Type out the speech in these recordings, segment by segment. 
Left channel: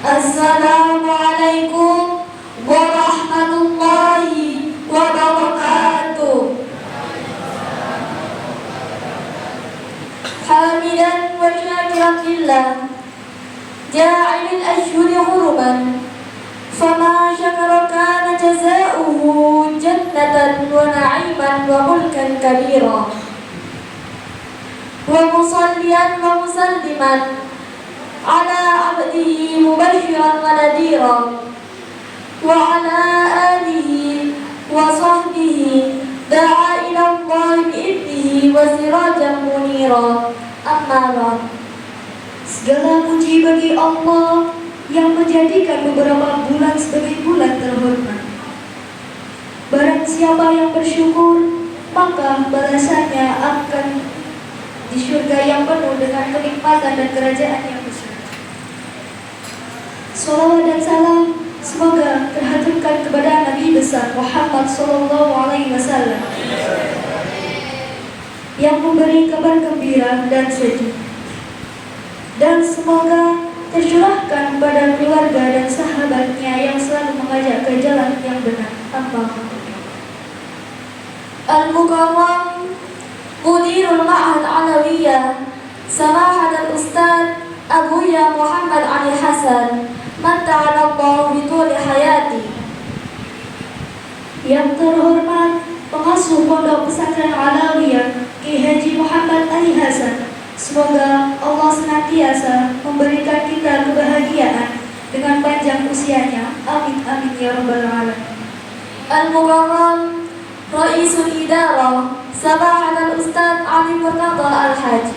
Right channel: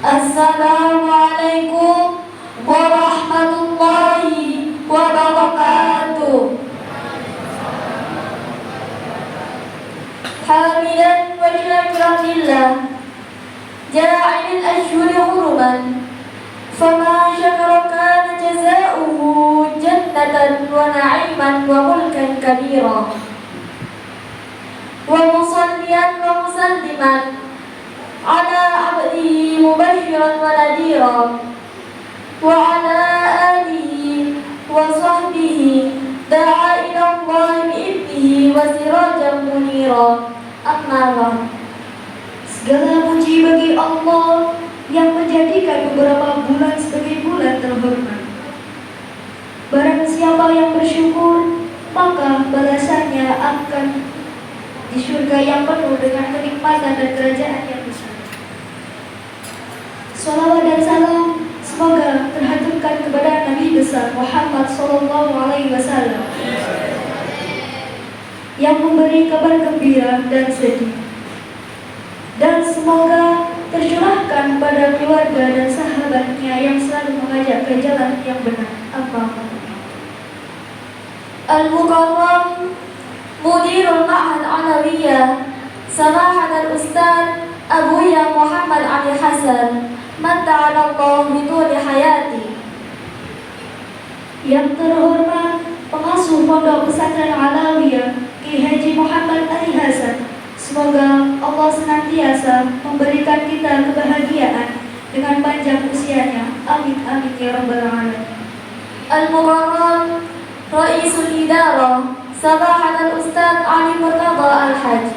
Assalamualaikum warahmatullahi wabarakatuh. Hamidan wa syakiran lillah ja'ilil ashhuri huruman fama syakara kana jazaohu jannatan wa na'iman wa mulkan kabira wa musalliyan wa musalliman ala abdihi mubashiran wa nadira wa ala alihi wa sahbihi da'a ila Allah bi'idnihi wa sirajan munira. Amma ba'd. Segala puji bagi Allah yang menjadikan beberapa bulan sebagai bulan terhormat. Barang siapa yang bersyukur, maka balasannya akan di surga yang penuh dengan kenikmatan dan kerajaan yang besar. Salawat dan salam semoga terhaturkan kepada Nabi besar Muhammad SAW yang memberi kabar gembira dan sedih, dan semoga tercurahkan pada keluarga dan sahabatnya yang selalu mengajak ke jalan yang benar. Al-Mukarram Mudirul Ma'had Alawiyah Samahat Al-Ustaz Abuya Muhammad Ali Hasan Matta'alallahu bituli hayati. Yang terhormat pengasuh Pondok Pesantren Alawiyah Ki Haji Muhammad Ali Hasan, semoga Allah senantiasa memberikan kita kebahagiaan dengan panjang usianya. Amin amin ya rabbal alamin. Al-Mukarram Raisul Idarah Samahat Al-Ustaz Ali Murtada Al-Haj.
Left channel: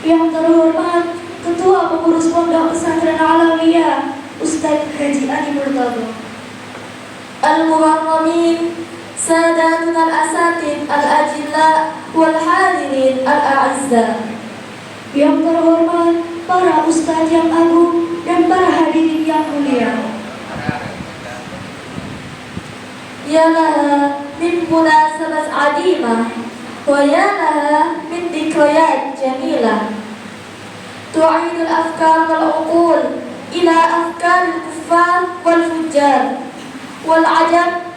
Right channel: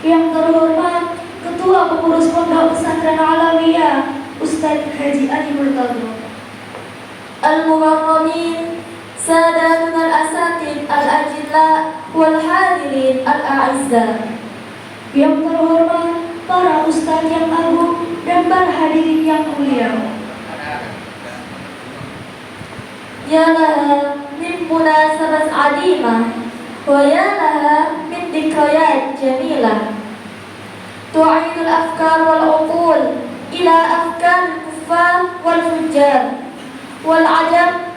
Yang terhormat Ketua Pengurus Pondok Pesantren Alawiyah Ustaz Haji Ali Murtada. Al-Mukarramin Sadatun Al-Asatid Al-Ajilla Wal-Hadirin Al-A'izza. Yang terhormat para ustaz yang agung dan para hadirin yang mulia. Ya laha min munasabat adimah wa ya laha min dhikrayat jamilah tu'idul afkar wal uqul ila afkar al-kuffar wal fujjar wal ajab.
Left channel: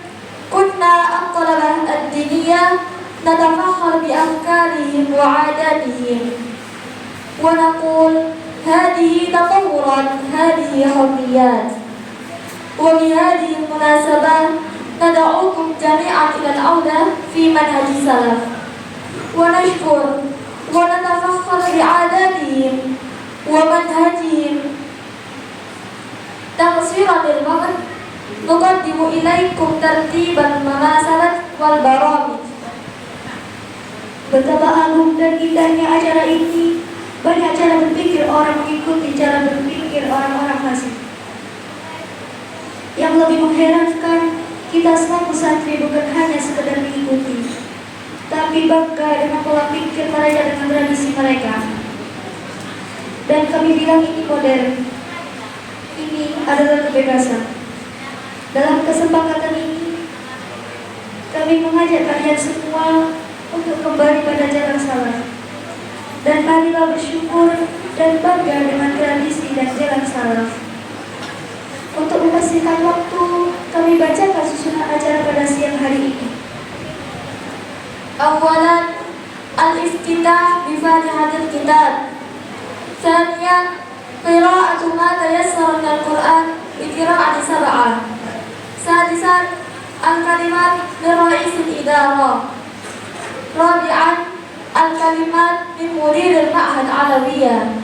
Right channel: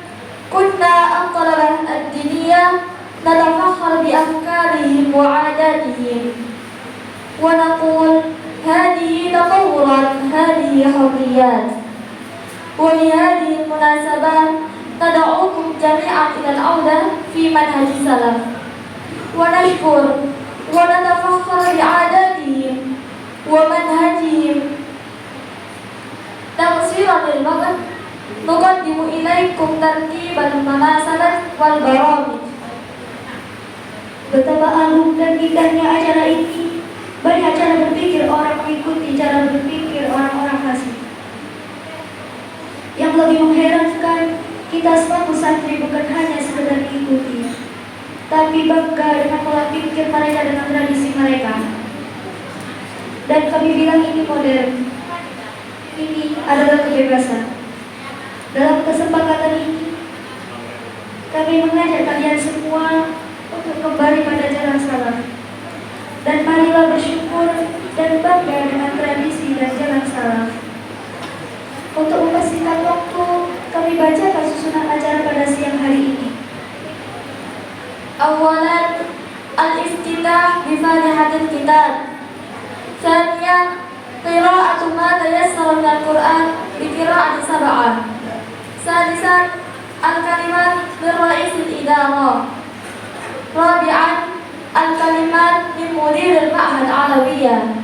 Kunna an-talabah ad-diniyah natafakhar bi afkarihim wa 'adatihim wa naqul hadhihi tatawuran hadhihi hurriyat. Wa li hadhihi al-munasabah nad'ukum jami'an ila al-'audah fi manhaj salaf wa nashkur wa natafakhar bi 'adatihim wa manhajihim taqsiratil waqt. Nuqaddimu ilaikum tartiban mamasalat wal baramij. Betapa agung dan indahnya acara ini. Banyak cara berpikir orang mengikuti cara berpikir orang-orang masing. Yang lebih mengherankan, kita selaku santri bukan hanya sekedar mengikuti, tapi bangga dengan pola pikir mereka dengan tradisi mereka. Dan kami bilang ini modern. Ini adalah kebebasan. Dalam kesepakatan ini, kami mengajak kalian semua untuk kembali pada jalan salaf. Dan marilah bersyukur dan bangga dengan tradisi dan jalan salaf. Untuk mempersingkat waktu, kami bacakan susunan acara pada siang hari ini. Awalan al-iftitah bi Fatihatil Kitab. Tsaniyan qira'atu ma tayassara minal Qur'an bi qira'ati sab'ah. Sadisan al-kalimat min Raisul Idarah. Rabi'an al-kalimat min Mudiril Ma'had Alawiyah.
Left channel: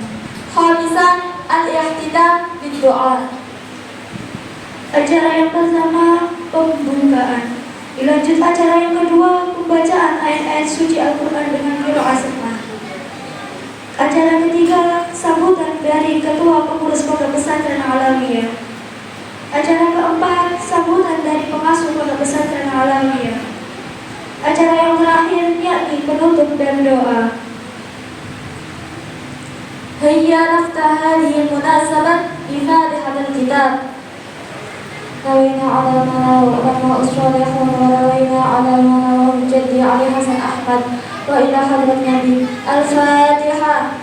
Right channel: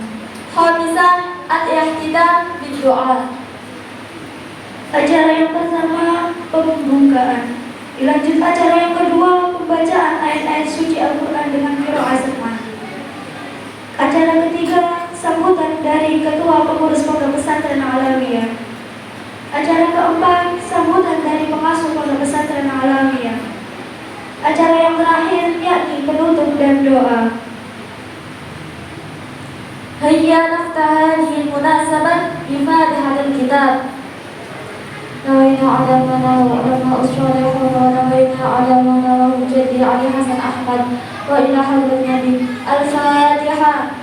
Khamisan al-ihtidam bid-du'a. Acara yang pertama, pembukaan. Dilanjut acara yang kedua, pembacaan ayat-ayat suci Al-Quran dengan qiraah sama. Acara ketiga, sambutan dari Ketua Pengurus Pondok Pesantren Alawiyah. Acara keempat, sambutan dari pengasuh Pondok Pesantren Alawiyah. Acara yang terakhir yakni penutup dan doa. Hayya naftah hadhihi al-munasabat bi Fatihatil Kitab. Nawayna 'ala mana wa ana usrayhu wa nawayna 'ala mana wa jaddi Ali Hasan Ahmad wa ila hadrat Nabi. Al-Fatihah.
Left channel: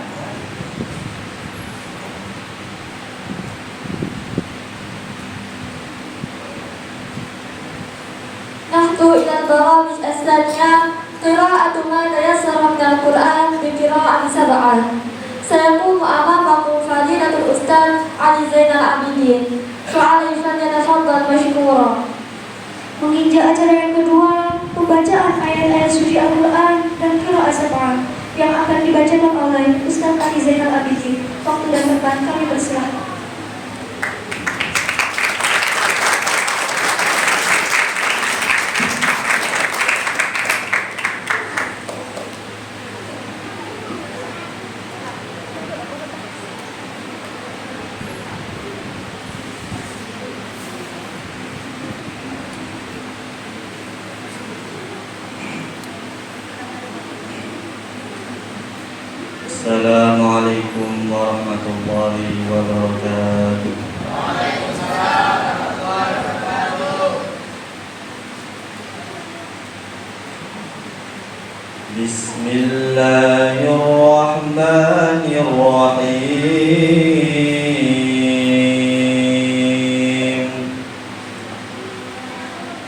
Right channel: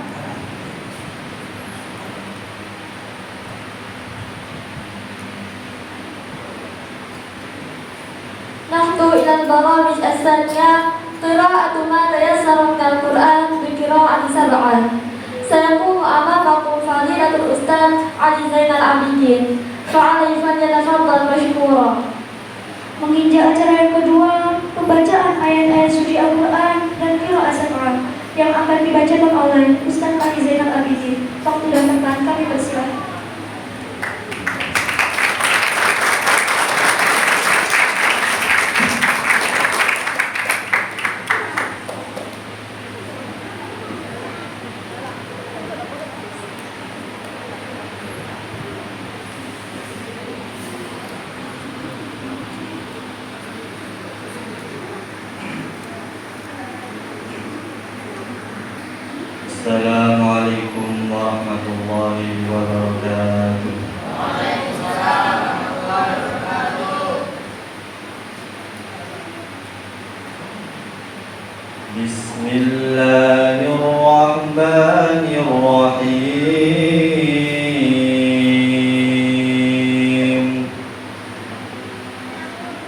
البرامج الثانية قراءة ما تيسر من القرآن بقراءة 7. سيقوم أمامكم فضيلة الأستاذ علي زين العابدين، فعليه فليتفضل مشكورا. Menginjak acara yang kedua, pembacaan ayat-ayat suci Al-Quran dan qiraat 7 yang akan dibacakan oleh Ustaz Ali Zainal Abidin. Waktu dan tempat kami persilakan. Assalamualaikum warahmatullahi wabarakatuh. Bismillahirrahmanirrahim.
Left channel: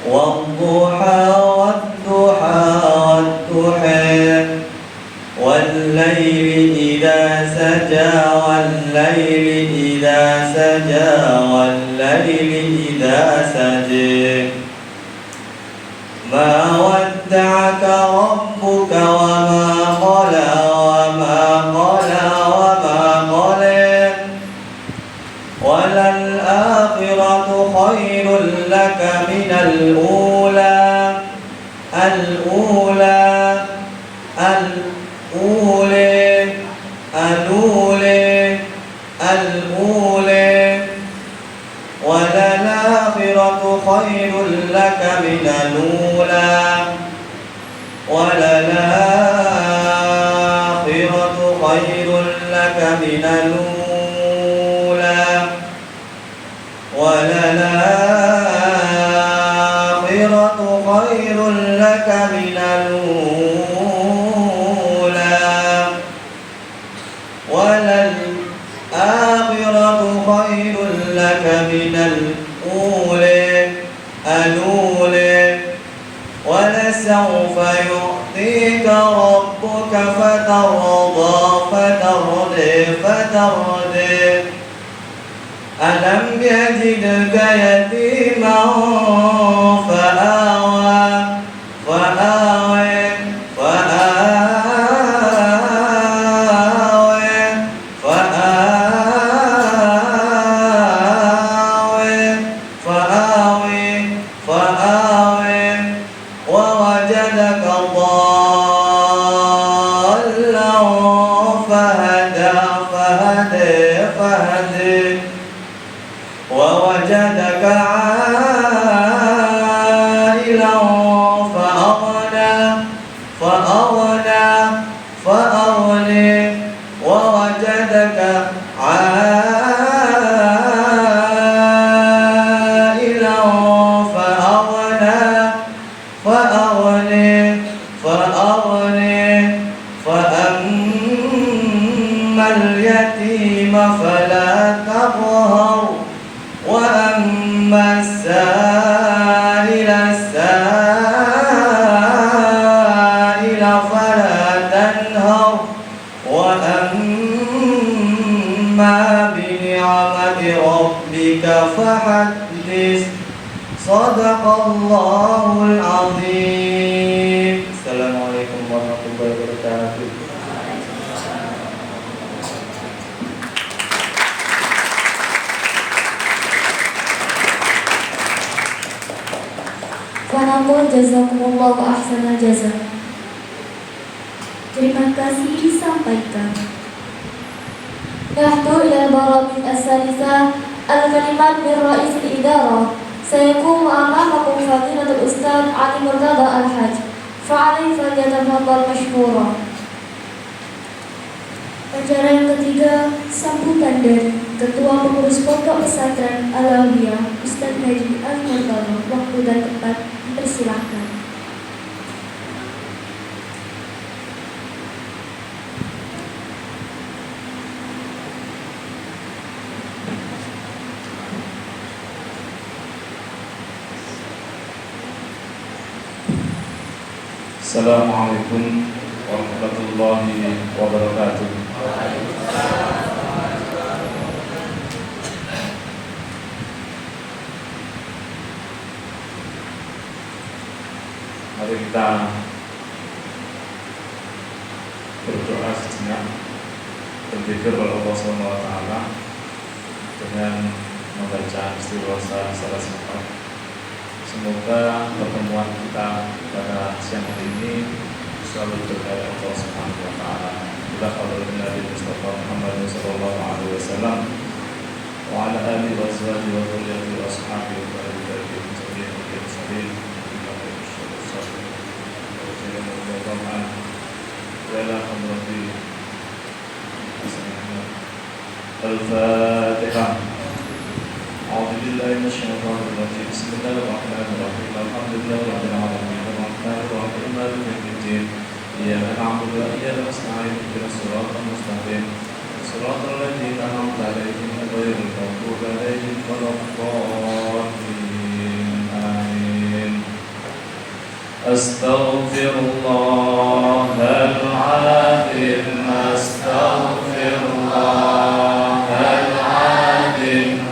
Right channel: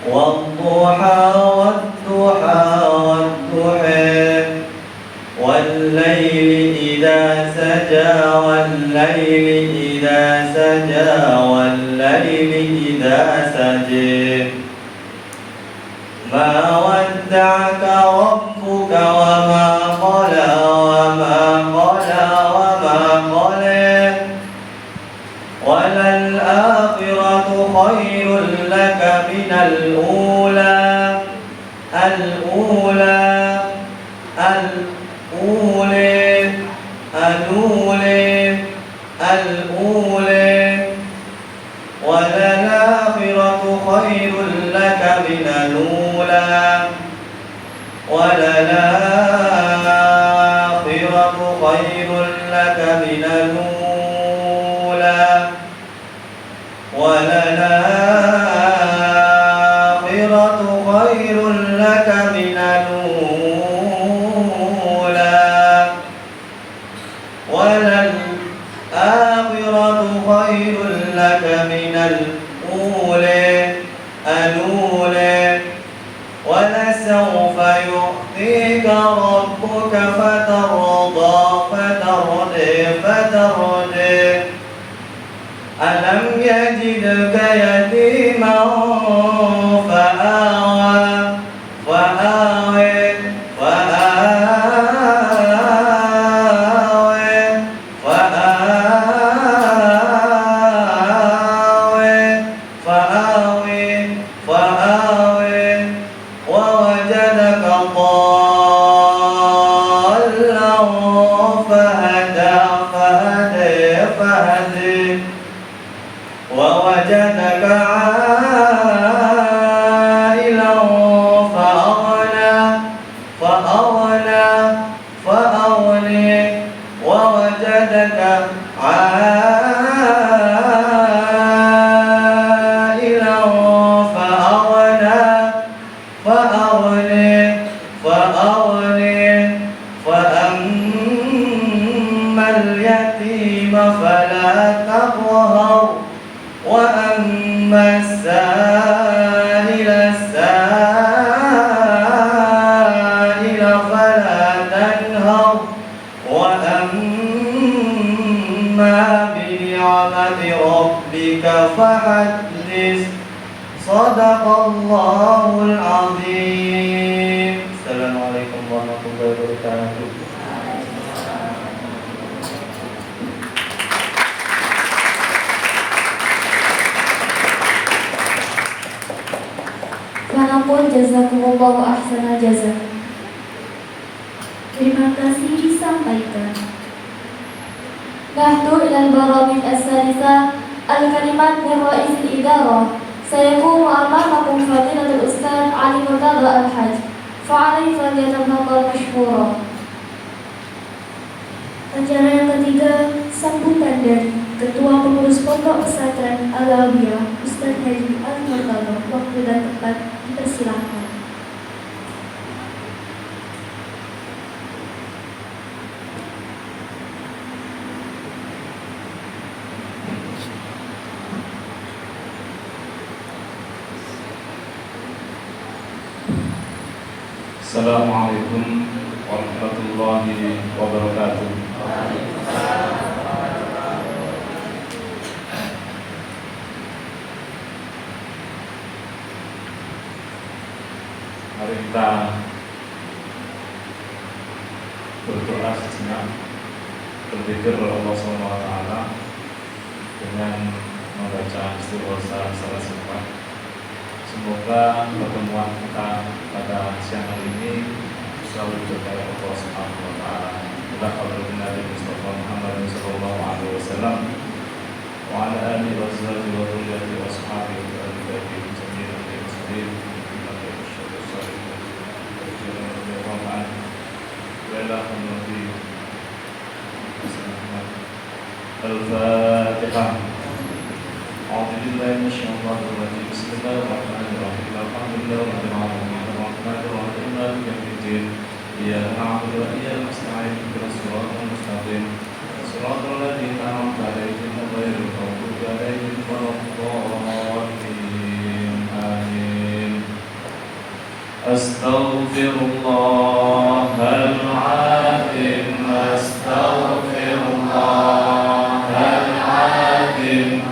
Wadduha wadduha wadduha والليل إذا سجى والليل إذا سجى والليل إذا سجى ما ودعك ربك وما قلى وما قلى وما قلى وللآخرة خير لك من الأولى الأولى الأولى وللآخرة خير لك من الأولى وللآخرة خير لك من الأولى وللآخرة خير لك من الأولى وللآخرة خير لك من الأولى ولسوف يعطيك ربك فترضى ألم يجدك يتيما ووجدك ضالا فهدى ووجدك عائلا فأغنى ووجدك عائلا فأغنى فأما اليتيم فلا تقهر وأما السائل فلا تنهر وأما بنعمة ربك فحدث صدق الله العظيم. Assalamualaikum warahmatullahi wabarakatuh. Wanaqul jazakumullahu ahsanal jazaa. Terima kasih disampaikan. Nahdu ila al-baramij as-salisa al-kalimat min ra'is al-idarah. Sayaqumu amamakum fadilatul Ustaz Ali Murtada Al-Hajj, fa'alaihi falyatafaddal mashkura. Acara yang ketiga, sambutan dari Ketua Pengurus Pondok Pesantren Al-Awliyah Ustaz Haji Ali Murtada. Waktu dan tempat dipersilakan. Assalamualaikum warahmatullahi wabarakatuh. Mari kita berdoa sejenak, berzikir kepada Allah SWT dengan membaca istighosah salah sifat. Semoga pertemuan kita pada siang hari ini selalu berkaya Allah Subhanahu wa taala. Ila hadratin Nabi Mustafa Muhammad sallallahu alaihi wasallam wa ala alihi wa sahbihi wa dzurriyyatihi wa ashabihi wa ahli baitihi jami'an bi ihsanin ila yaumil qiyamah. Wa ila hadratin Al-Fatihah. أعوذ بالله من الشيطان الرجيم بسم الله الرحمن الرحيم الحمد لله رب العالمين الرحمن الرحيم مالك يوم الدين إياك نعبد وإياك نستعين اهدنا الصراط المستقيم صراط الذين أنعمت عليهم غير المغضوب عليهم ولا الضالين آمين أستغفر الله العظيم أستغفر الله العظيم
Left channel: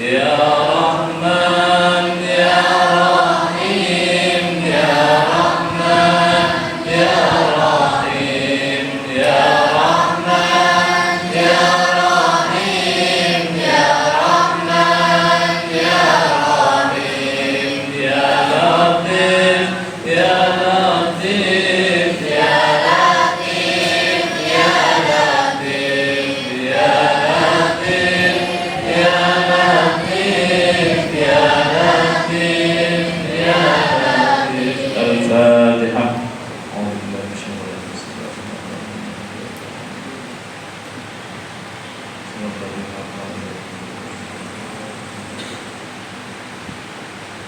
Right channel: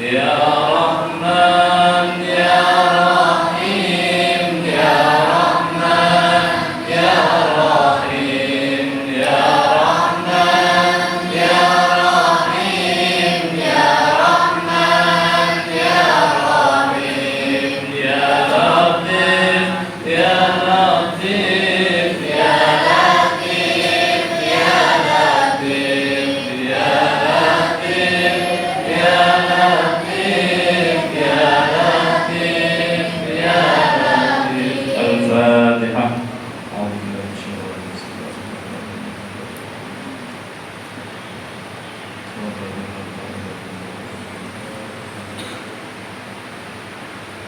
Ya Rahman Ya Rahim Ya Rahman Ya Rahim Ya Rahman Ya Rahim Ya Rahman Ya Rahim Ya Latif Ya Latif Ya Latif Ya Latif Ya Latif Ya Latif Ya Latif Ya Latif. Al-Fatihah.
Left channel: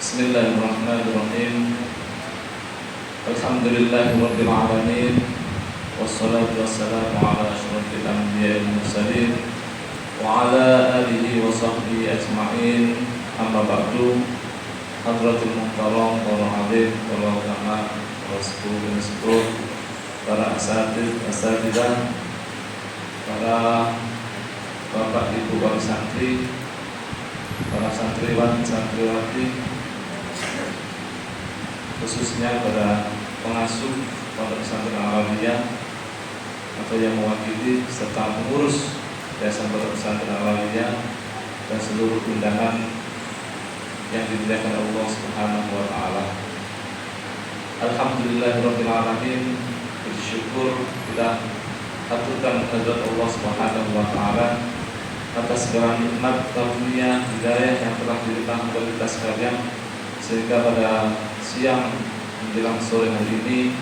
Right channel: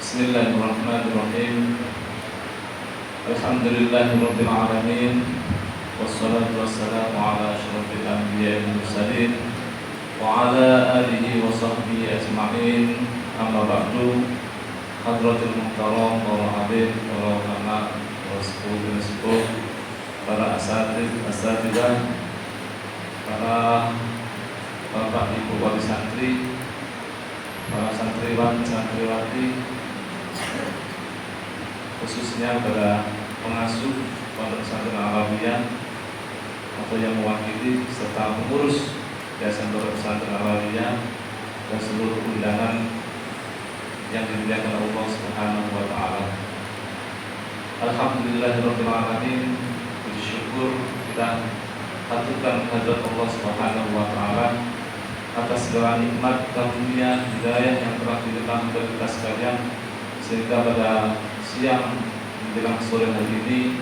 Bismillahirrahmanirrahim. Alhamdulillahirabbil alamin. Wassalatu wassalamu ala asyrafil anbiya'i wal mursalin wa ala alihi wa sahbihi ajma'in. Amma ba'du. Hadratul muhtaram para habib, para ulama, para sepuh, para asatidzah, para bapak ibu wali santri, para santriwan, santriwati, khususnya para pengasuh Pondok Pesantren Al-Alawiyah atau yang mewakili serta pengurus Yayasan Pondok Pesantren Al-Alawiyah dan seluruh undangan yang dimuliakan Allah Subhanahu wa taala. Alhamdulillahirabbil alamin. Puji syukur kita haturkan kehadirat Allah Subhanahu wa taala atas segala nikmat karunia hidayah yang telah dilimpahkan kepada kita sekalian, sehingga pada siang menjelang sore hari ini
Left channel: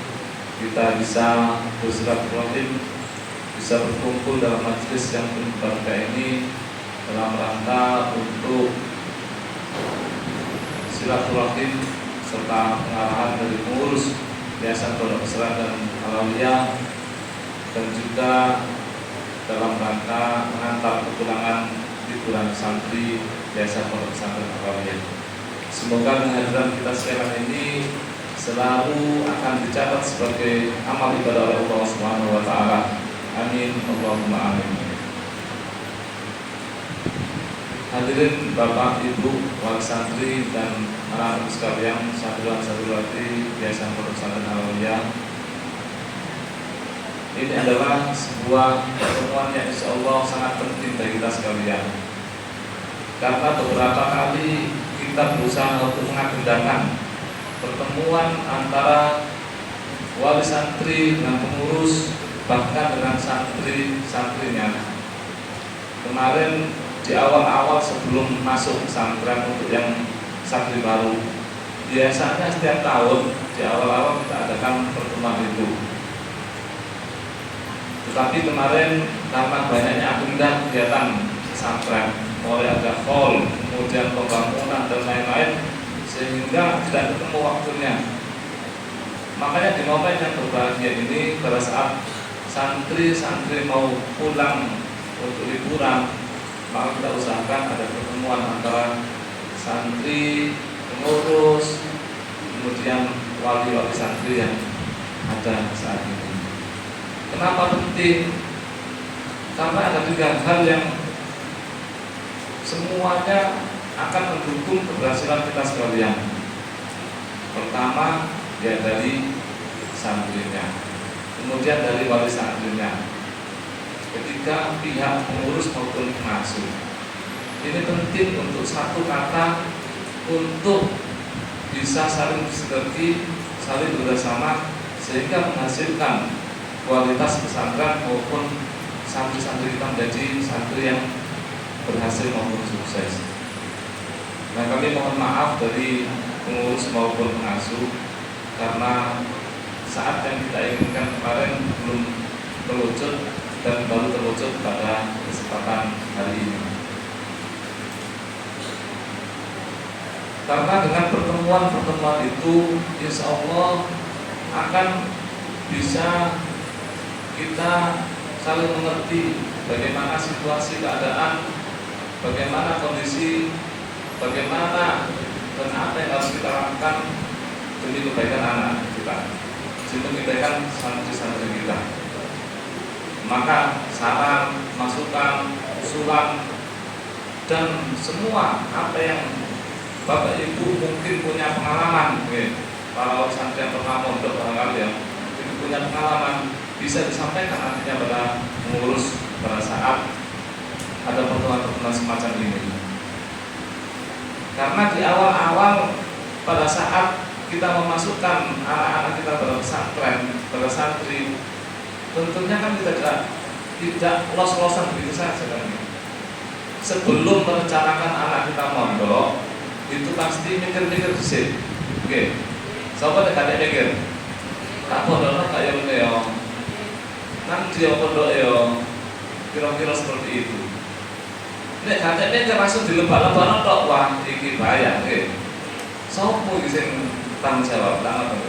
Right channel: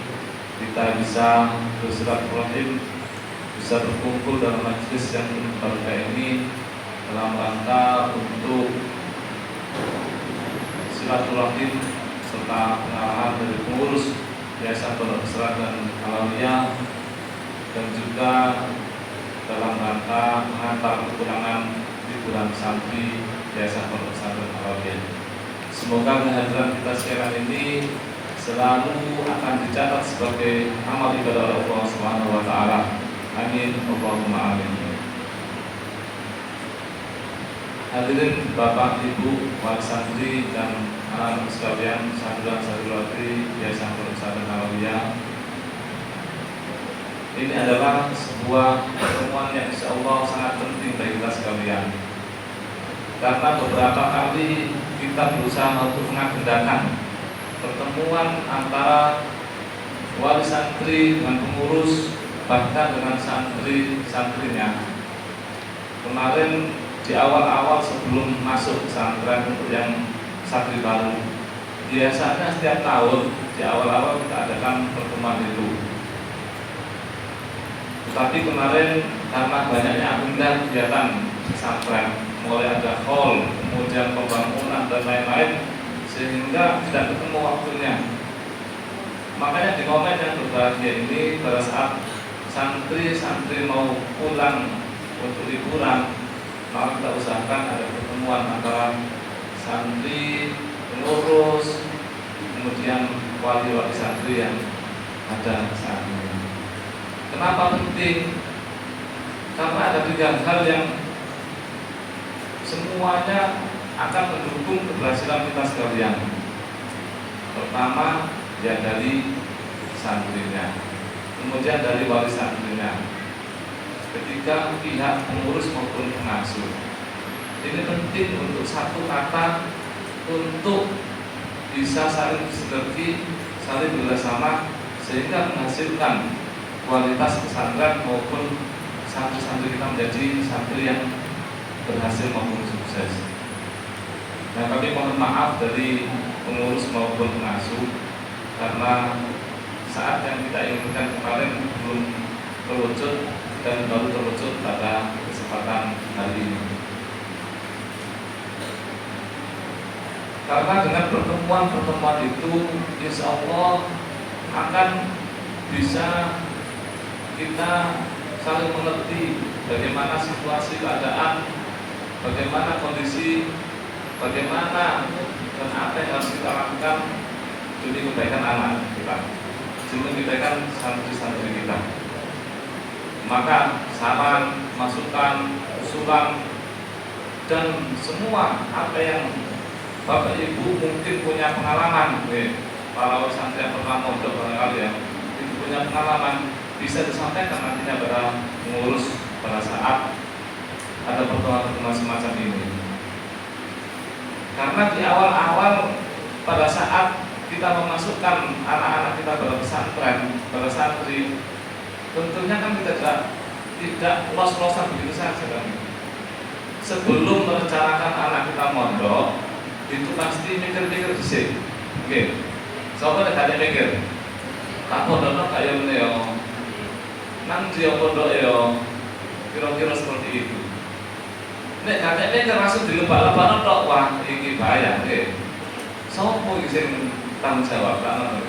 kita bisa bersilaturahim, bisa berkumpul dalam majlis yang berbahagia ini dalam rangka untuk silaturahim serta pengarahan dari pengurus Yayasan Pondok Pesantren Al-Alawiyah dan juga dalam rangka mengantar kepulangan liburan santri Yayasan Pondok Pesantren Al-Alawiyah. Semoga kehadiran kita sekarang ini selalu akan dicatat sebagai amal ibadah oleh Allah Subhanahu wa taala. Amin Allahumma amin. Hadirin Bapak Ibu wali santri dan anak-anak sekalian, santriwan santriwati Yayasan Pondok Pesantren Al-Alawiyah. Ini adalah sebuah pertemuan yang insya Allah sangat penting bagi kita sekalian, karena beberapa kali kita berusaha untuk mengagendakan pertemuan antara wali santri dengan pengurus, bahkan dengan santri-santrinya. Kemarin di awal-awal sebelum masuk pesantren untuk yang santri baru, biasanya setiap tahun di awal-awal kita adakan pertemuan itu. Tetapi kemarin karena banyaknya agenda kegiatan pesantren, mulai ada hall, kemudian pembangunan dan lain-lain, sehingga tidak ketemu waktunya. Makanya di momen yang berbahagia ini, pada saat santri-santri mau pulang untuk liburan, maka kita usahakan ada pertemuan antara santri, pengurus, kemudian wali-wali santri yang ada saat ini. Kenapa penting? Karena ada tiga hal yang semuanya akan mendukung keberhasilan kita sekalian. Pertama, ya dari santrinya, kemudian dari wali santrinya, ketiga pihak pengurus maupun pengasuh. Ini penting untuk satu kata, untuk bisa saling bersinergi, saling bekerjasama, sehingga menghasilkan kualitas pesantren maupun santri-santri kita menjadi santri yang berhasil maupun sukses. Nah, kami mohon maaf dari pengurus maupun pengasuh karena saat yang kita inginkan kemarin belum terwujud dan baru terwujud pada kesempatan hari ini. Karena dengan pertemuan-pertemuan itu, insya Allah akan bisa kita saling mengerti bagaimana situasi keadaan, bagaimana kondisi, bagaimana dan apa yang harus kita lakukan demi kebaikan anak kita, demi kebaikan santri-santri kita. Maka saran, masukan, usulan dan semua apa yang Bapak Ibu mungkin punya pengalaman, para santri yang pernah mondok barangkali ya, itu punya pengalaman bisa disampaikan nantinya pada pengurus pada saat ada pertemuan-pertemuan semacam ini. Karena di awal-awal pada saat kita memasukkan anak-anak kita pada pesantren, pada santri, tentunya kan kita tidak los-losan begitu saja kan. Sebelum merencanakan anak kita mondok, itu pasti mikir-mikir dhisik. Oke. Sapa nek gak mikir? Tak pondok kaya ngene yo. Nang dia pondok yo. Kira-kira seperti itu. Nek gak mikir langsung dilebak-lebakno tok, wah iki bahaya nggih. Sopo iki sing tanggung jawab kan.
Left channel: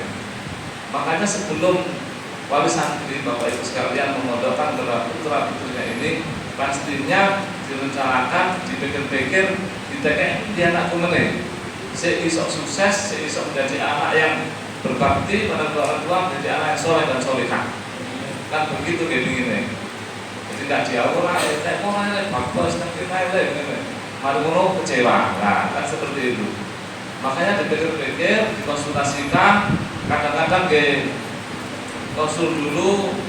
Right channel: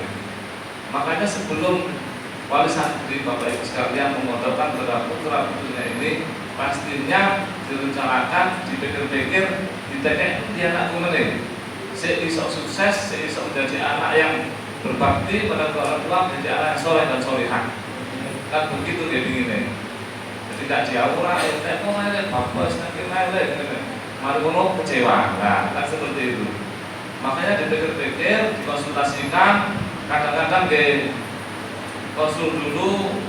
Makanya sebelum wali santri Bapak Ibu sekalian memondokkan putra-putrinya ini, pastinya direncanakan, dipikir-pikir, ditekek dia anak kumene. Seisok sukses, seisok menjadi anak yang berbakti pada orang tua, menjadi anak yang soleh dan solehah. Kan begitu gini. Jadi tidak diawur, kok ada bagus nanti ada, mari ngono kecewa, nah kan seperti itu. Makanya dipikir-pikir, dikonsultasikan, kadang-kadang konsul dulu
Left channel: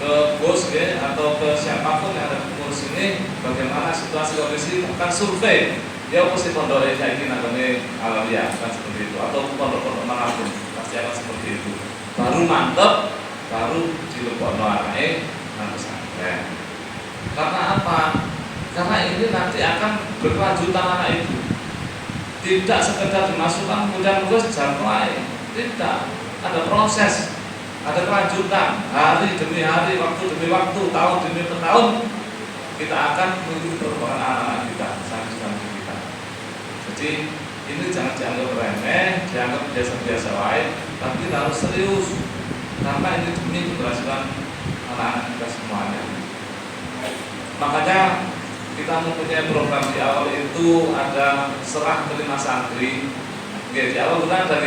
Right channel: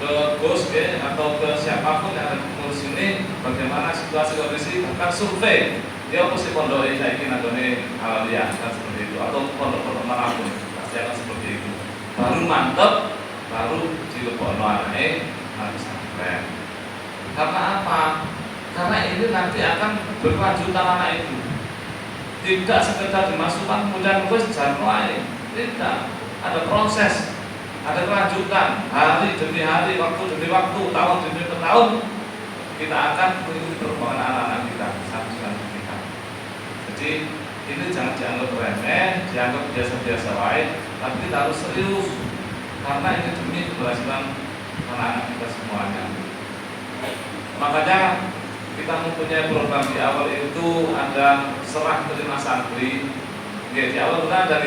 ke bos atau ke siapapun yang ada di pengurus ini bagaimana situasi kondisi, bukan survei dia pasti pondok saya ini nagone alamiah kan seperti itu, atau pondok-pondok manapun pasti akan seperti itu. Baru mantep, baru dilebokno anake nang pesantren. Karena apa? Karena ini nanti akan berkelanjutan anak itu. Tidak sekedar dimasukkan kemudian wis jar mulai. Tidak, ada proses. Ada kelanjutan, hari demi hari, waktu demi waktu, tahun demi tahun, kita akan mengikuti perkembangan anak-anak kita, santri-santri kita. Jadi ini jangan dianggap remeh, dianggap biasa-biasa lain, tapi kita harus serius, karena ini demi keberhasilan anak-anak kita semuanya. Makanya kita mempunyai program di awal itu ada serah terima santri, di awal juga ada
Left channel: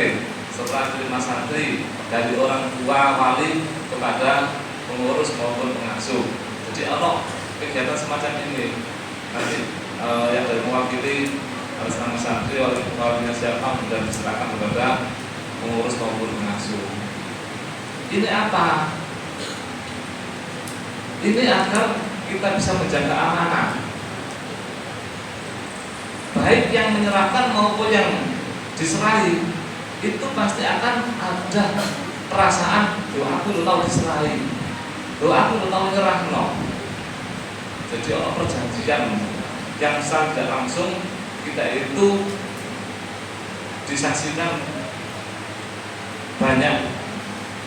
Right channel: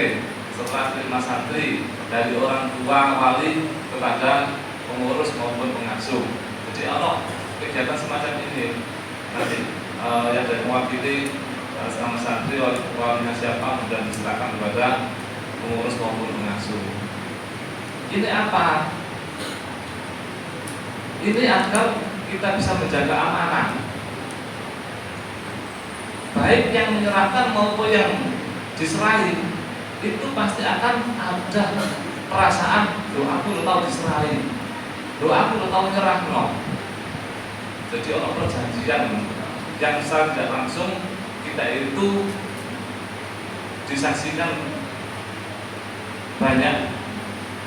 serah terima santri dari orang tua wali kepada pengurus maupun pengasuh. Jadi ono kegiatan semacam ini nanti yang dari mewakili atas nama santri walinya siapa dan diserahkan kepada pengurus maupun pengasuh. Ini apa? Ini agar kita bisa menjaga amanah, baik yang menyerahkan maupun yang diserahi. Itu pasti akan ada perasaan doaku udah tahu diserahi, doaku udah tahu nyerah no. Jadi orang perjanjian yang secara tidak langsung kita itu disaksikan banyak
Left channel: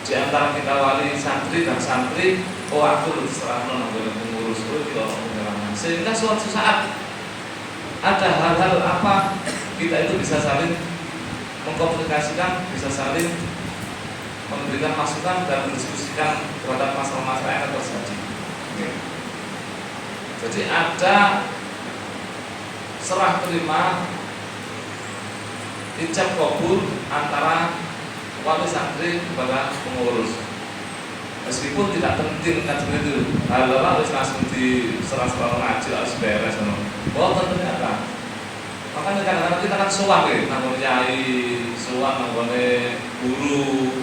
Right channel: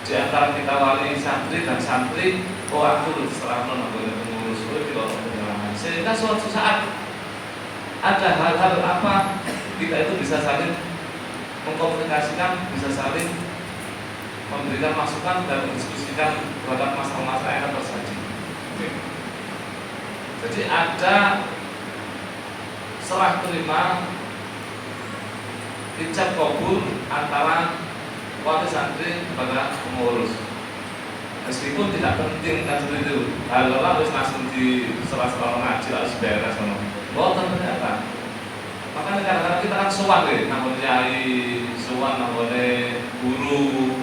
di antara kita wali santri dan santri. Oh aku udah serah no boleh pengurus itu orang penyerangan, sehingga suatu saat ada hal-hal apa kita itu bisa saling mengkomunikasikan, bisa saling memberikan masukan dan mendiskusikan terhadap masalah-masalah yang terjadi. Jadi ada serah terima, ijab kabul antara wali santri kepada pengurus. Meskipun tidak penting kan begitu, hal-hal harus langsung diserah-serah ngaji harus beres. Oh tentunya kan. Makanya kadang-kadang kita kan sowan namanya nyai, sowan namanya guru,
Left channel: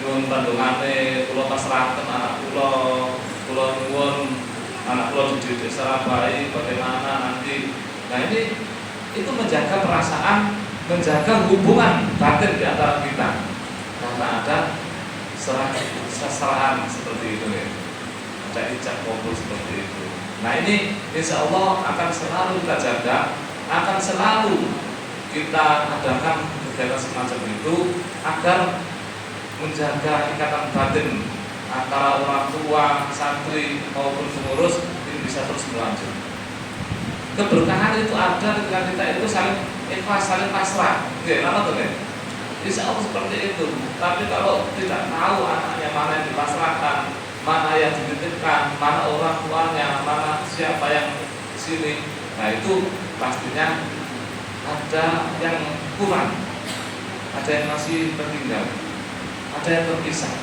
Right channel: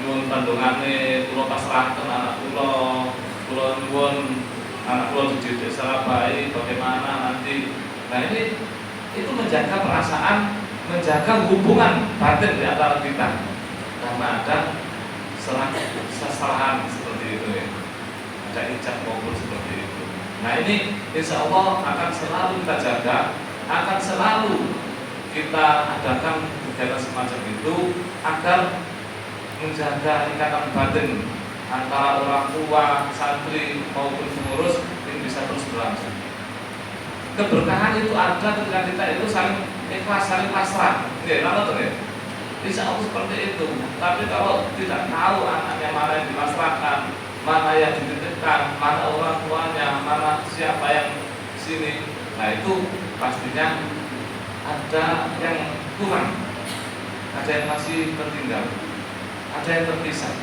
nyuwun pandungane, kula pasrahaken anak kula nyuwun anak kula dididik secara baik, bagaimana nanti. Nah ini itu menjaga perasaan, menjaga hubungan batin di antara kita. Karena ada seserahan seperti itu ada ijab kabul seperti itu. Nah ini insya Allah akan selalu kita jaga, akan selalu kita adakan kegiatan semacam itu agar menjaga ikatan batin antara orang tua, santri maupun pengurus ini bisa terus berlanjut. Keberkahan itu ada ketika kita itu saling ikhlas, saling pasrah. Oke, mana tuh ya? Insya Allah seperti itu. Tapi kalau tidak tahu anaknya mana yang dipasrahkan, mana yang dititipkan, mana orang tuanya, mana siapa yang di sini, nah itu pastinya ada yang kurang, ada yang masih tertinggal, ada yang terpisah.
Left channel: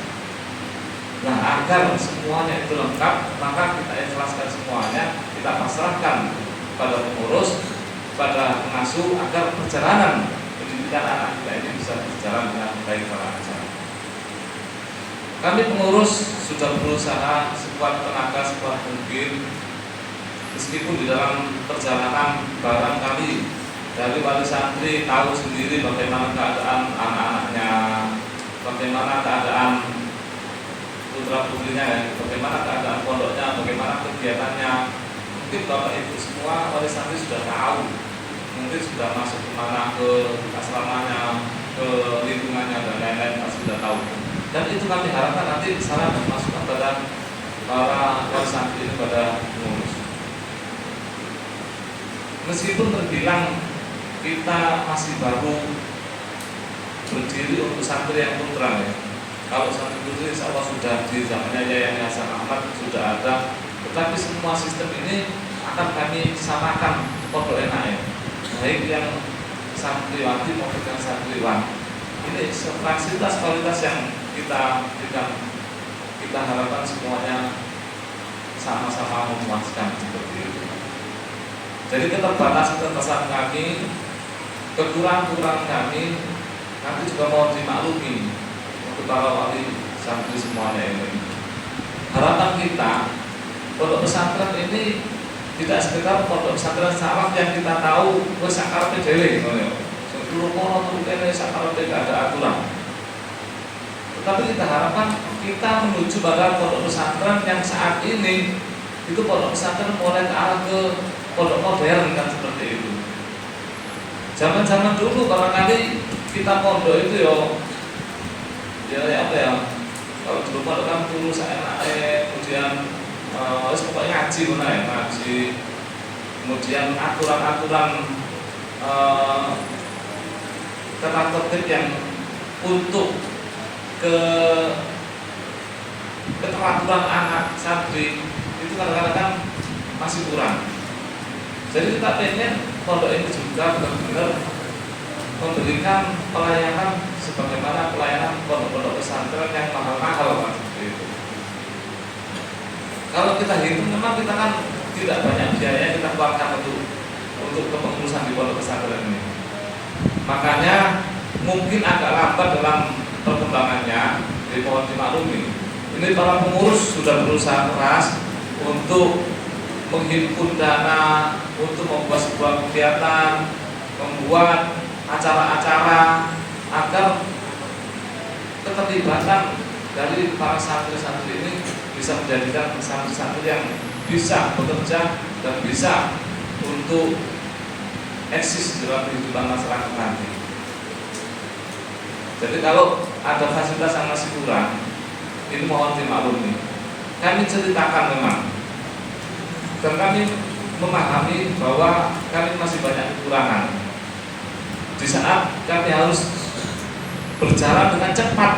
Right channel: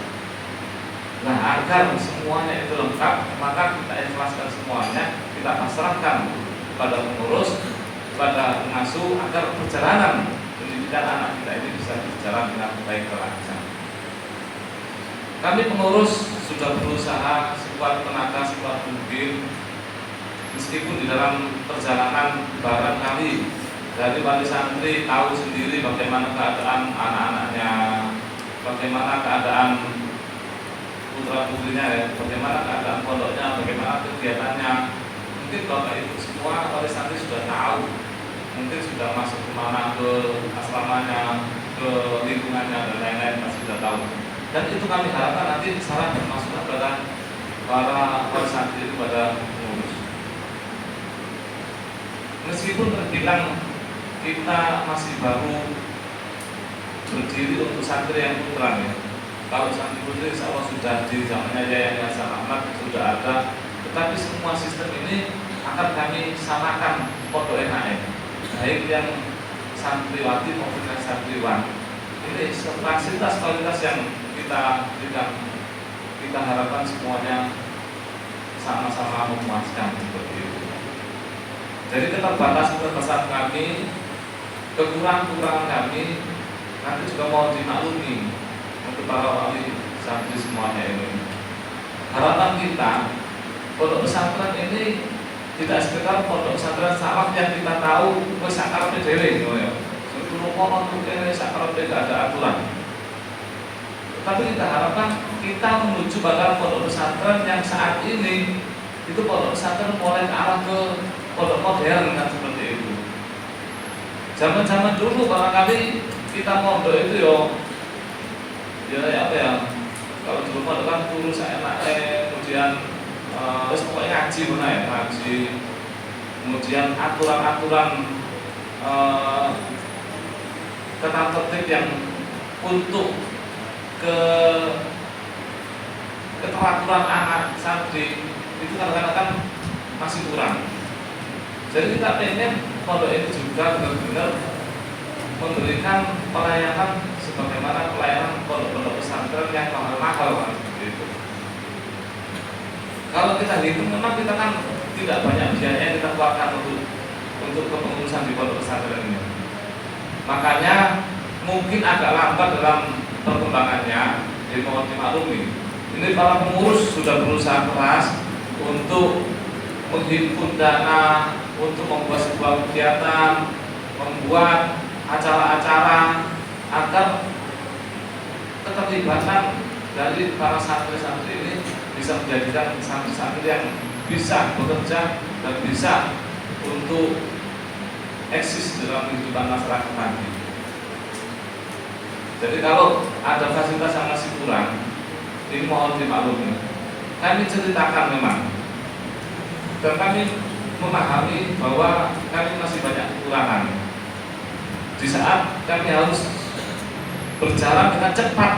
Nah agar semuanya itu lengkap, maka kita ikhlaskan semuanya, kita pasrahkan kepada pengurus, kepada pengasuh agar perjalanan pendidikan anak kita ini bisa berjalan dengan baik dan lancar. Kami pengurus sudah berusaha sekuat tenaga, sekuat mungkin, meskipun di dalam perjalanan barangkali dari wali santri tahu sendiri bagaimana keadaan anak-anaknya, bagaimana keadaan putra putrinya, bagaimana keadaan pondoknya, bagaimana kegiatannya. Mungkin bapak ibu semua wali santri sudah tahu, mungkin sudah masuk kemana, ke asramanya, ke lingkungannya dan lain-lain, pasti sudah tahu. Dan itu kami harapkan nanti saran dan masukan pada para wali santri ini, pada pengurus. Meskipun terbilang kita masih baru berdiri untuk santri yang putra ya. Kalau santri putri insya Allah sudah di zamannya Yayasan Hasan Ahmad sudah ada. Tetapi semua sistem ini akan kami samakan pondok NAM, baik yang santriwati maupun yang santriwan. Ini fasilitas kualitas yang kita berikan, kita harapkan semuanya sama-sama memuaskan seperti itu. Jadi keterbatasan kami, kekurangan kami, nanti juga mohon dimaklumi untuk para wali santri semuanya ini. Harapan kita, pondok pesantren ini tidak sekedar pondok pesantren saraf yang kita tahu wis sakarepe dhewe ngono ya. Dulu kono kene sakarepe gak ada aturan. Tetapi kita harapkan kita menuju pada pondok pesantren yang saat ini itu pondok pesantren mulai ke arah ke pondok modern kan seperti itu. Zaman-zaman dulu barangkali kita pondok itu ya apa ya? Kalau dulu kan dulu seenaknya, kemudian pokoknya ngaji mana ya, ngaji, kemudian aturan-aturan tata tertib yang untuk keteraturan anak santri itu kadang-kadang masih kurang. Jadi kita pengen pondok ini juga benar-benar memberikan pelayanan sebagaimana pelayanan pondok-pondok pesantren yang mahal-mahal seperti itu. Kalau kita hitung memang kita kan tidak banyak biaya yang kita keluarkan untuk kepengurusan di pondok pesantren ini. Makanya mungkin agak lambat dalam perkembangannya, mohon dimaklumi. Ini para pengurus sudah berusaha keras untuk menghimpun dana, untuk membuat sebuah kegiatan, membuat acara-acara agar keterlibatan dari para santri-santri ini bisa menjadikan santri-santri yang bisa bekerja dan bisa untuk eksis dalam kehidupan masyarakat nanti. Jadi kalau ada fasilitas yang masih kurang, ini mohon dimaklumi. Kami ceritakan memang, dan kami memahami bahwa kami masih banyak kekurangan. Di saat kami harus berjalan dengan cepat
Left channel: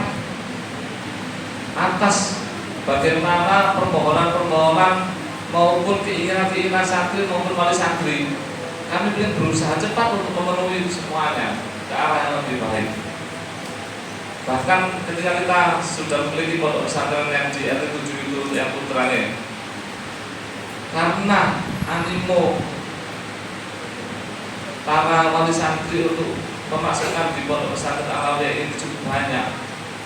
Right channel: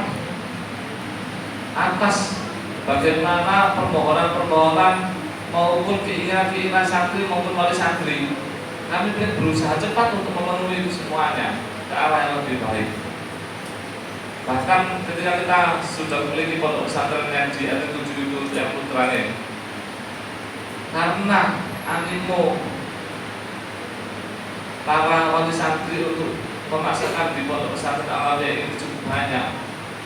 atas bagaimana permohonan-permohonan maupun keinginan-keinginan santri maupun wali santri, kami ingin berusaha cepat untuk memenuhi semuanya ke arah yang lebih baik. Bahkan ketika kita sudah memiliki pondok pesantren yang di RT 7 itu yang putrane, karena animo para wali santri untuk memasukkan di pondok pesantren Alawiyah ini cukup banyak,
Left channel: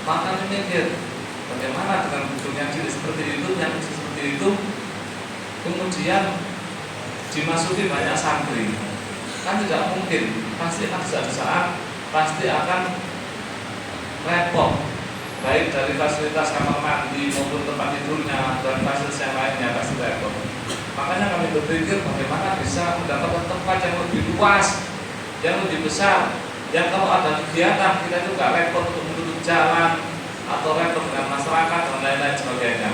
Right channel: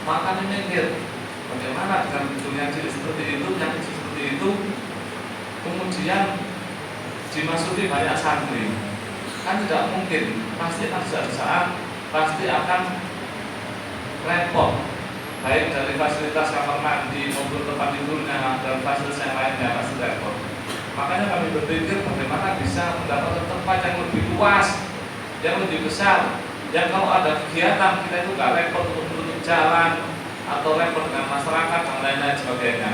maka kami mikir bagaimana dengan gedung yang seperti itu, yang seperti itu kemudian dimasuki banyak santri, kan tidak mungkin, pasti ada suatu saat pasti akan repot, baik dari fasilitas kamar mandi maupun tempat tidurnya dan fasilitas yang lainnya pasti repot. Makanya kami berpikir bagaimana bisa mendapatkan tempat yang lebih luas, yang lebih besar, yang kalau ada kegiatan kita itu gak repot untuk menutup jalan atau repot dengan masyarakat dan lain-lain sebagainya.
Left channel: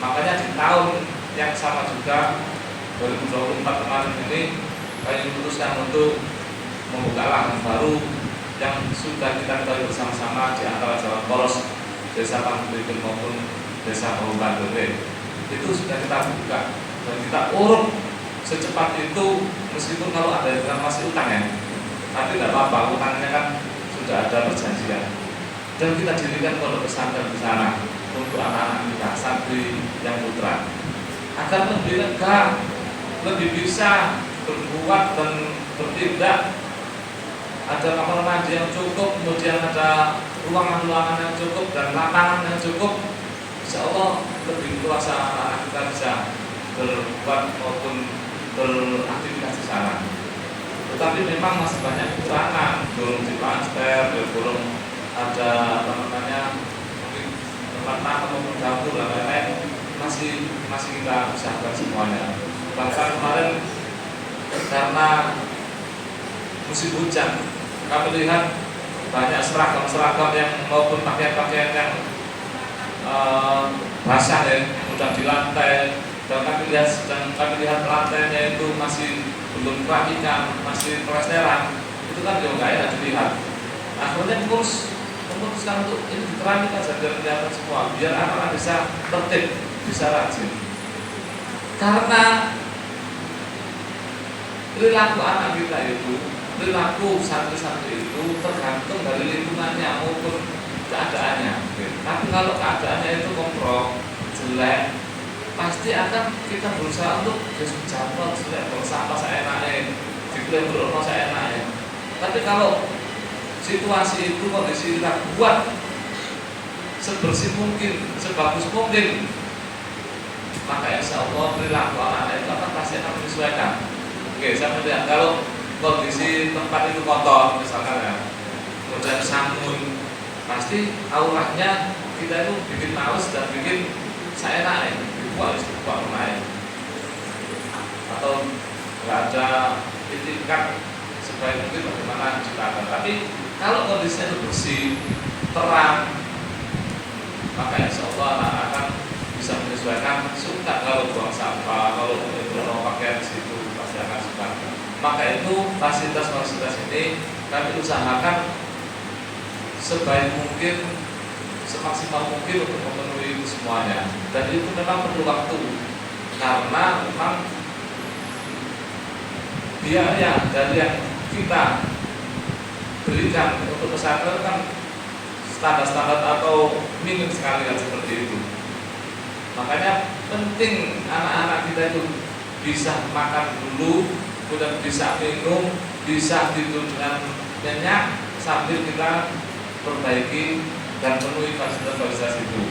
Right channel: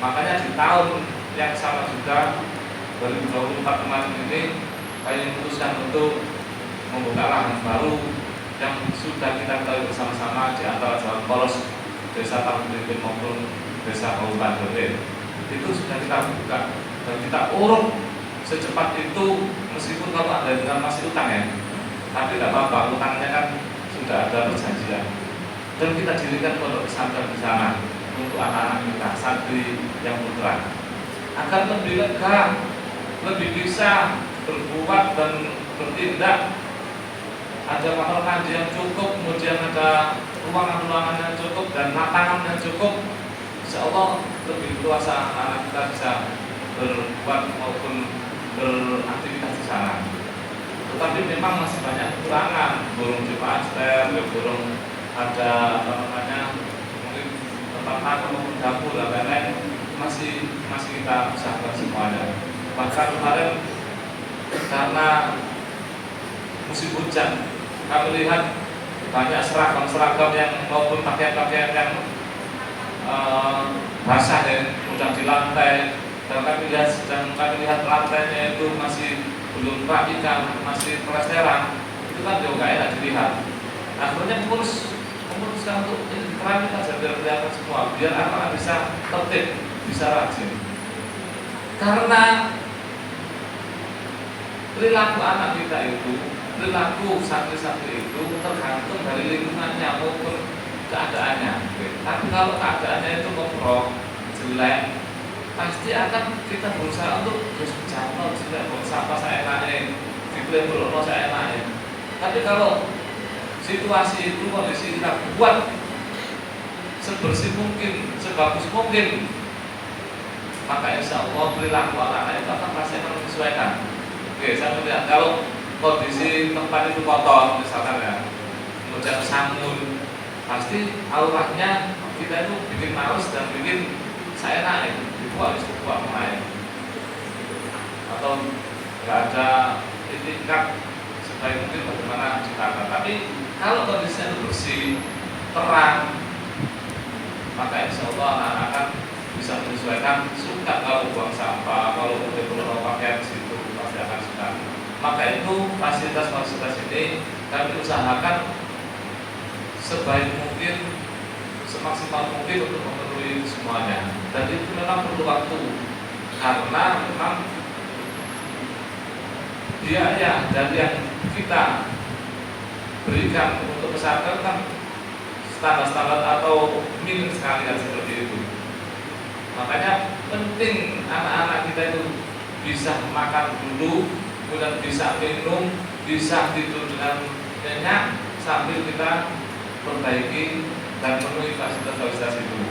Makanya di tahun yang sama juga 2024 kemarin ini kami memutuskan untuk membuka lahan baru yang sudah kita ketahui bersama-sama di antara Jawa Poros, Desa Panggung maupun Desa Kabupaten Dolen. Itu sudah kita buka dan kita urut secepat itu, meskipun kalau ada yang masih utang ya, tapi tidak apa-apa, utangnya kan sudah ada perjanjian. Dan kita dirikan pondok pesantren di sana untuk anak-anak kita, santri yang putra, agar lebih lega lebih bisa berbuat dan bertindak, ada kamar mandi yang cukup, kemudian ada ruangan-ruangan yang cukup dan makanan yang cukup, insya Allah lebih luasa anak kita bisa berbuat maupun beraktivitas di sana. Tetapi memang masih banyak kekurangan, belum diplaster, belum ada mungkin tempat makan maupun dapur dan lain-lain, masih kita usahakan semuanya. Bahkan kemarin karena musim hujan, kami lihat banyak seragam yang maupun pakaian-pakaian yang basah ya, mudah di lantai, dan kami lihat lantainya itu masih belum rapikan, masih plesteran, itu kan juga nggak enak dilihat. Akhirnya memutuskan untuk ini diterangkan saja biar kelihatan semua, biar anak bisa tertib, bisa rajin. Karena perilaku anak kita itu, perilaku santri-santri itu tergantung dari lingkungannya maupun keadaannya. Tapi kalau keadaannya itu komprok, jelek, pasti akan kita berusaha untuk jatuh jelek, berusaha apa saya enaknya, diklaim berusaha saya enaknya. Tapi kalau situasi itu kondisi kita buat sebersih mungkin, sebagus mungkin, maka insya Allah perilaku anak itu akan pasti akan menyesuaikan. Oke, saya melihat kalau kondisi tempat itu kotor misalkan ya, kemudian samun, pasti auranya kita itu bikin males dan bikin saya naik, dibuat naik, atau nggak ada tingkat sebaik mungkin bagaimana ciptaan. Tapi kalau kondisinya itu bersih, terang, maka insya Allah anak akan bisa menyesuaikan. Suka kalau buang sampah, kalau buang pakaian situ pasti akan suka. Maka itu fasilitas ini kami usahakan sebaik mungkin, semaksimal mungkin untuk memenuhi semuanya. Dan itu memang perlu waktu, karena memang biaya dari yang kita berikan untuk pesantren kan standar-standar atau minim sekali kan seperti itu. Makanya penting anak-anak kita itu bisa makan dulu, kemudian bisa minum, bisa tidur dengan nyenyak sambil kita perbaiki dan penuhi fasilitas itu.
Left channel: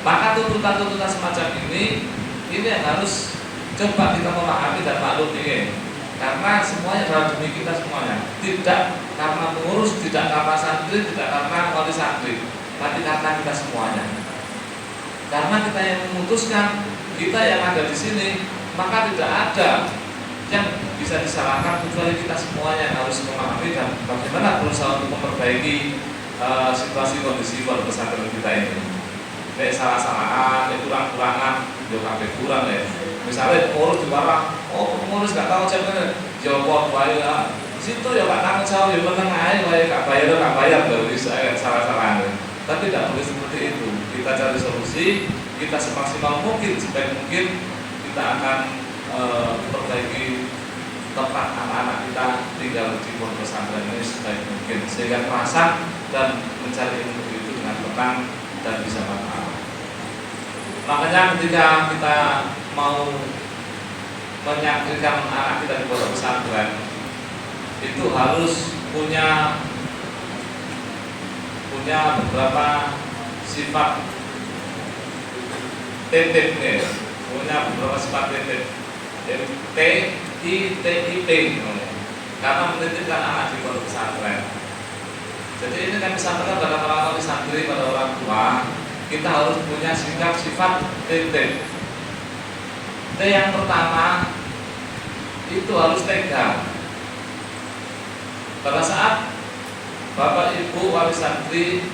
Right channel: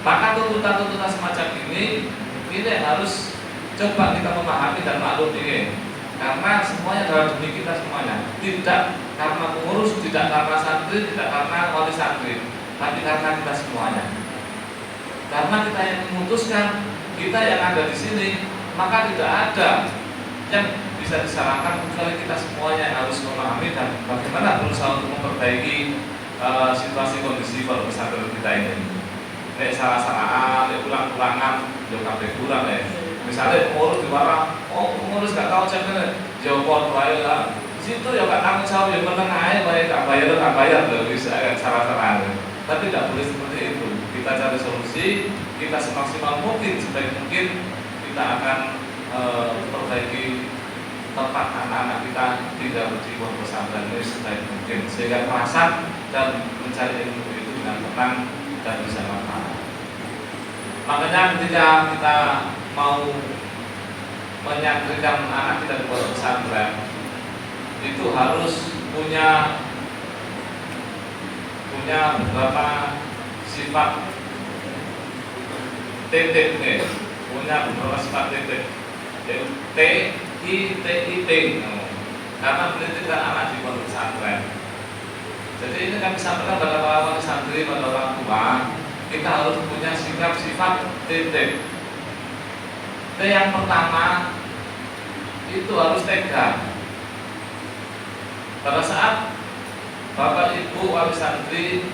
Maka tuntutan-tuntutan semacam ini yang harus coba kita memahami dan maklumi, karena semuanya adalah demi kita semuanya. Tidak karena pengurus, tidak karena santri, tidak karena wali santri, tapi karena kita semuanya. Karena kita yang memutuskan, kita yang ada di sini, maka tidak ada yang bisa disalahkan kecuali kita semuanya yang harus memahami dan bagaimana berusaha untuk memperbaiki situasi kondisi pesantren kita ini. Kayak salah-salahan, kurang-kurangan, udah sampai kurang ya. Misalnya pengurus di barang, pengurus nggak tahu ceknya, jawab bayar. Di situ ya nggak tanggung jawab, ya menang aja, nggak bayar, nggak bisa salah-salahan. Tapi tidak boleh seperti itu. Kita cari solusi, kita semaksimal mungkin, sebaik mungkin kita akan perbaiki tempat anak-anak kita tinggal di pondok pesantren ini sebaik mungkin, sehingga merasa dan mencari ilmu itu dengan tenang dan bisa manfaat. Makanya ketika kita mau menyaksikan anak kita di pondok pesantren, itu harus punya beberapa sifat titip nih, punya beberapa sifat titip TITIT, karena menitipkan anak di pondok pesantren. Jadi ini kan disampaikan pada para wali santri, pada orang tua, kita harus punya sifat titip. T yang pertama itu harus tega. Pada saat Bapak Ibu wali santri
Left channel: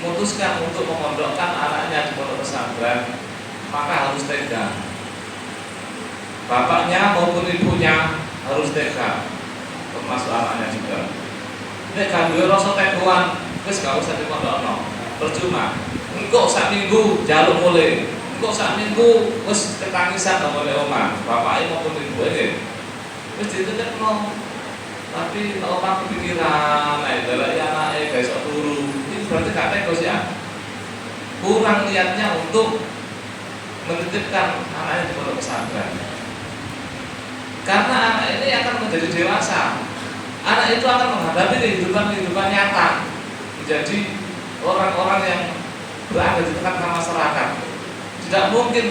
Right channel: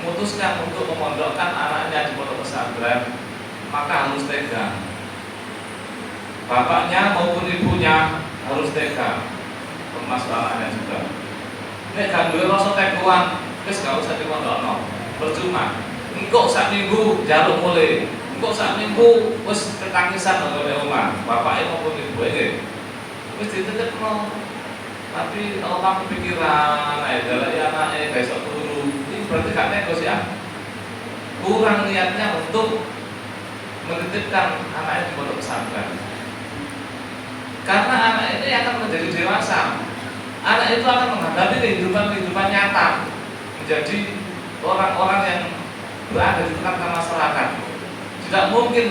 memutuskan untuk memondokkan anaknya di pondok pesantren, maka harus tega. Bapaknya maupun ibunya harus tega, termasuk anaknya juga. Nek gak duwe rasa teguan, wis gak usah dipondokno. Percuma. Engko sak minggu njaluk mulih. Engko sak minggu wis ketangisan oleh omah. Bapake maupun ibuke wis dititipno. Tapi kalau pakai pikiran, dari anaknya besok turu, ini berarti gak tegas ya. Kurang niatnya untuk menitipkan anaknya di pondok pesantren. Karena anak ini akan menjadi dewasa. Anak itu akan menghadapi kehidupan nyata, menjadi orang-orang yang berada di tengah masyarakat. Tidak mungkin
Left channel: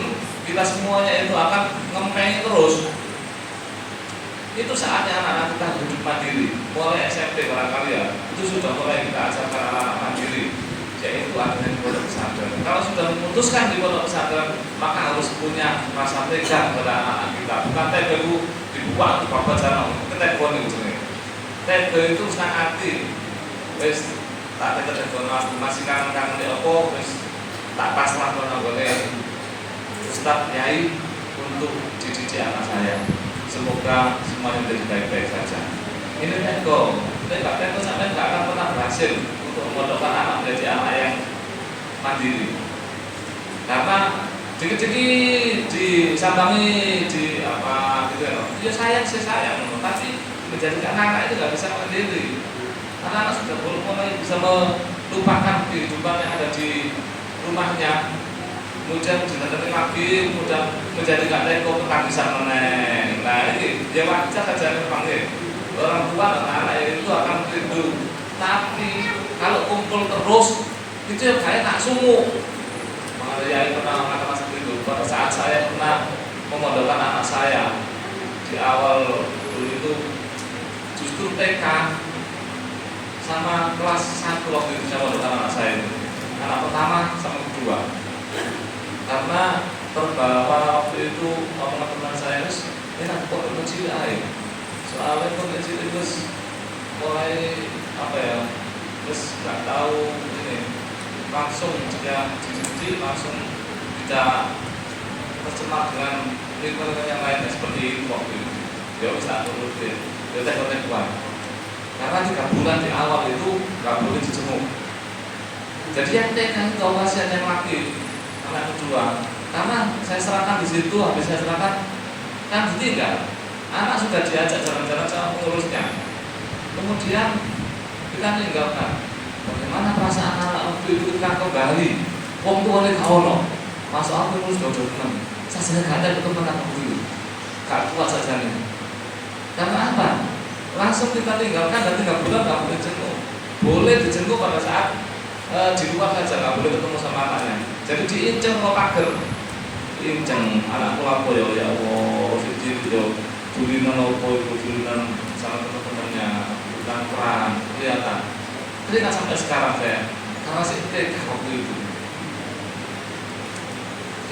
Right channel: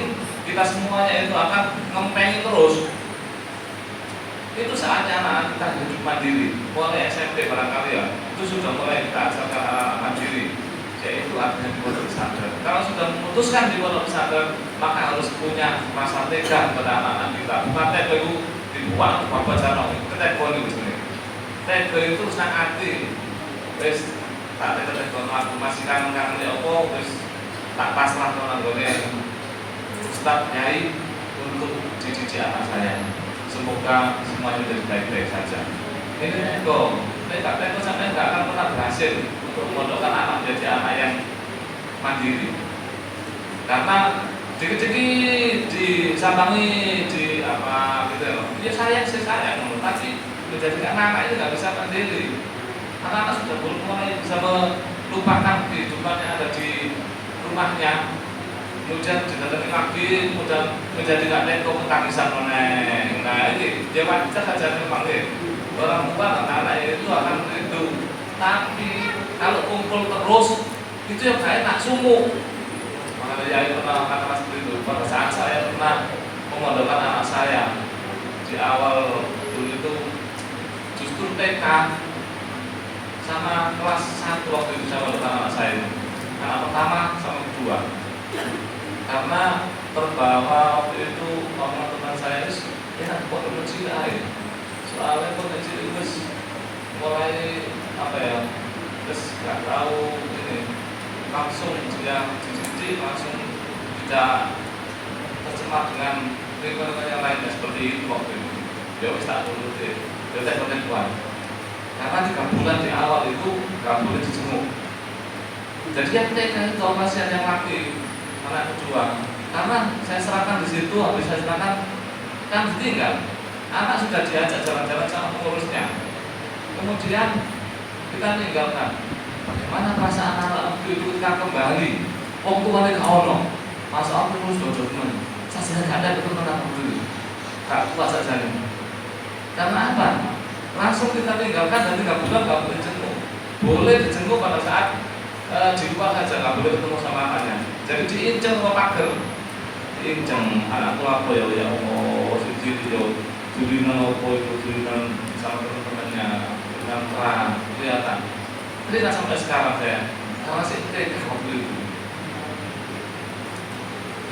kita semuanya itu akan ngempengi terus. Itu saatnya anak-anak kita hidup mandiri. Mulai SMP barangkali ya, itu sudah mulai kita ajarkan anak-anak mandiri, yaitu adanya pondok pesantren. Kalau sudah memutuskan di pondok pesantren, maka harus punya rasa tega kepada anak-anak kita. Bukan tega itu dibuang di bawah jalan, tega itu nih. Tega itu senang hati. Wes tak tega masih kangen di opo, wes tak pasrah dengan Ustadz Nyai untuk dididik anak saya. Semoga semuanya menjadi baik-baik saja. Ini Teko sampai nggak akan pernah berhasil untuk memondokkan anak menjadi anak yang mandiri. Karena dikit-dikit disambangi di apa gitu ya sayang, tapi menjadikan anak itu nggak bisa mandiri. Anak-anak sudah mulai bisa melupakan kehidupan yang ada di rumahnya. Kemudian didatangi lagi, kemudian menjadikan Teko ketangisan meneng. Nah ini dia wajar saja memang orang tua dan anak itu akan rindu. Tapi kalau kumpul terus itu yang kayak tak sungguh. Makanya ya pernah kata seperti itu. Pada saat saya pernah memondokkan anak saya di awal dulu itu justru TK sama kelas 1 waktu itu saya memondokkan anak saya. Anak pertama sama kedua. Karena terbawa waktu itu teman-teman saya itu lihat kok kecil aja. Soalnya kok kecil itu mulai apa ya, terus nggak tahu ini langsung dia dicuci langsung tidak tercemar dengan lingkungan yang lainnya seperti itu waktu itu. Dia bisa turun di hotel-hotel. Karena 3 bulan di awal itu nggak boleh dijenguk. Jadi yang TK itu kalau masih ada yang laki anak kedua, karena saya serahkan di situ, habis saya serahkan kan ditinggal. Anak sudah diajak jalan-jalan sama pengurusnya, kemudian kita meninggalkan. Bagaimana perasaan anak itu kan kembali? Wong tuane gak ono, masuk aku terus dodo teman. Saya sedang gak ada ketemu anak dulu, gak kuat saja nih. Karena apa? Langsung kita tinggalkan dan 3 bulan gak boleh jenguk. Boleh dijenguk pada saat di luar saja, nggak boleh ketemu sama anaknya. Jadi diincar ke pagar, diincar anak tua ya Allah, siji yo tulinan opo itu tulinan sama teman-temannya, tulinan perang kelihatan. Tidak sampai sekarang saya, karena saya TK waktu itu.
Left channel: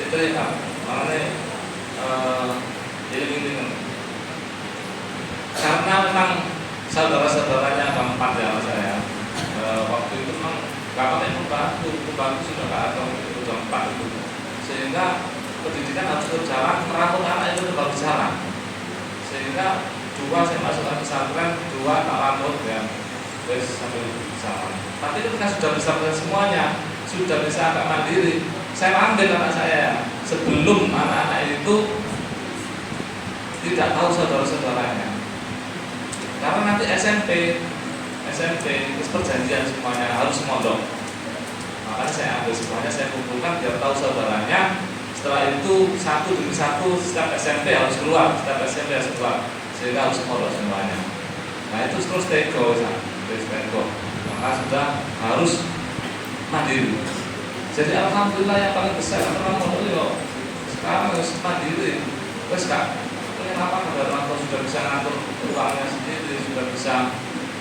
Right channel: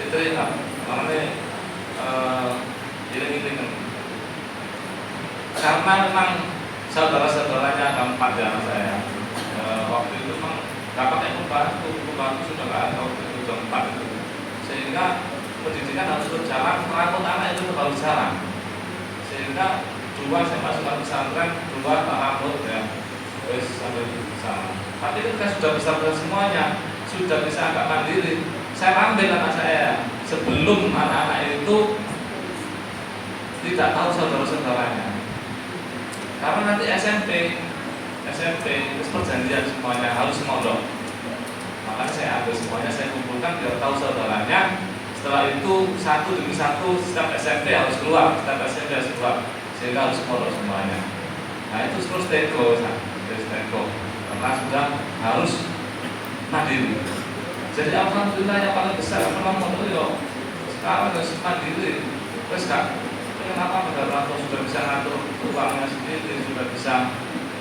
Itu ya, makanya ini karena memang saudara-saudaranya keempat ya saya. Waktu itu memang kakak yang membantu sudah nggak ada itu keempat itu, sehingga pendidikan harus berjalan, merangkul anak itu baru jalan. Sehingga 2 saya masukkan pesantren, 2 tak lanjut ya, wes sambil bersama. Tapi ketika sudah bisa semuanya, sudah bisa agak mandiri, saya ambil anak saya sebelum anak-anak itu tidak tahu saudara-saudaranya. Karena nanti SMP terus perjanjian semuanya harus mondok. Makanya saya ambil semuanya, saya kumpulkan biar tahu saudaranya. Setelah itu 1 demi 1 setiap SMP harus keluar, sehingga harus mondok semuanya. Nah itu terus Teko, karena sudah harus mandiri. Jadi alhamdulillah yang paling besar adalah mondok itu sekarang harus mandiri. Wes kak, apa negara sudah bisa ngatur uangnya sendiri, sudah bisa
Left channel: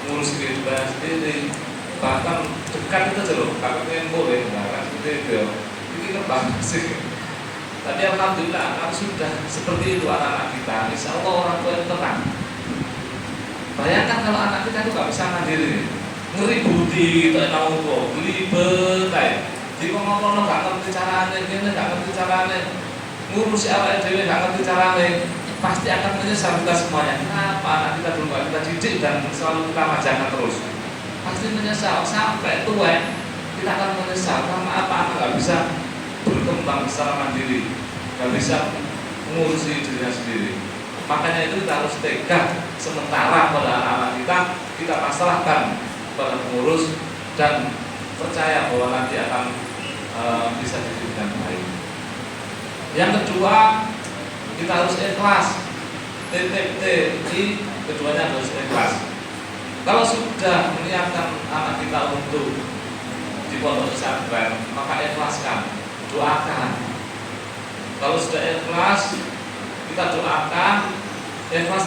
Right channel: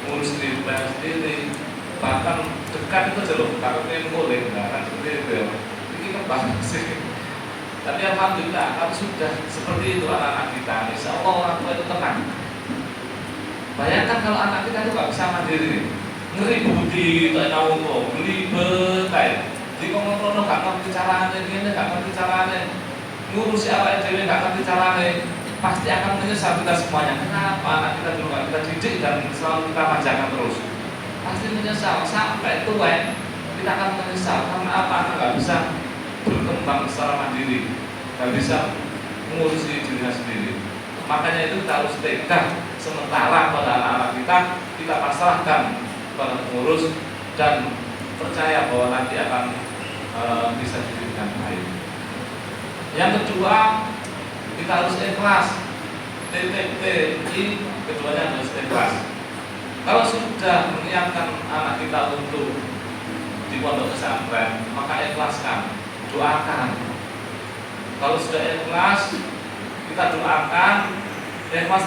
urus kehidupannya sendiri, bahkan dekat itu aja loh, kalau ingin boleh, kan seperti itu ya. Ini kan banyak sih. Tapi alhamdulillah, kalau sudah seperti itu anak-anak kita, insya Allah orang tua itu tenang. Bayangkan kalau anak kita itu nggak bisa mandiri, ngeributi, tak tahu kok, belibet kayak, di pengono nggak ngerti caranya, ini nggak ngerti caranya, ngurus apa dewe nggak ngerti caranya. Pasti akan menyesal kita semuanya. Kenapa anak kita dulu gak kita didik dan selalu kita majakan terus? Pasti menyesal sampai tua. Kita akan menyesal karena apa? Anak gak bisa berkembang secara mandiri, gak bisa mengurusi dirinya sendiri. Makanya itu kita harus tegar sementara pada anak-anak kita pasrahkan pada pengurus dan percaya bahwa nanti akan bisa dididik dengan baik. Yang kedua, kita harus ikhlas titik ini keduanya harus ikhlas. Kalau sudah menyiapkan anak kita untuk di pondok pesantren, maka ikhlaskan, doakan. Kalau sudah ikhlas, kita doakan, ikhlas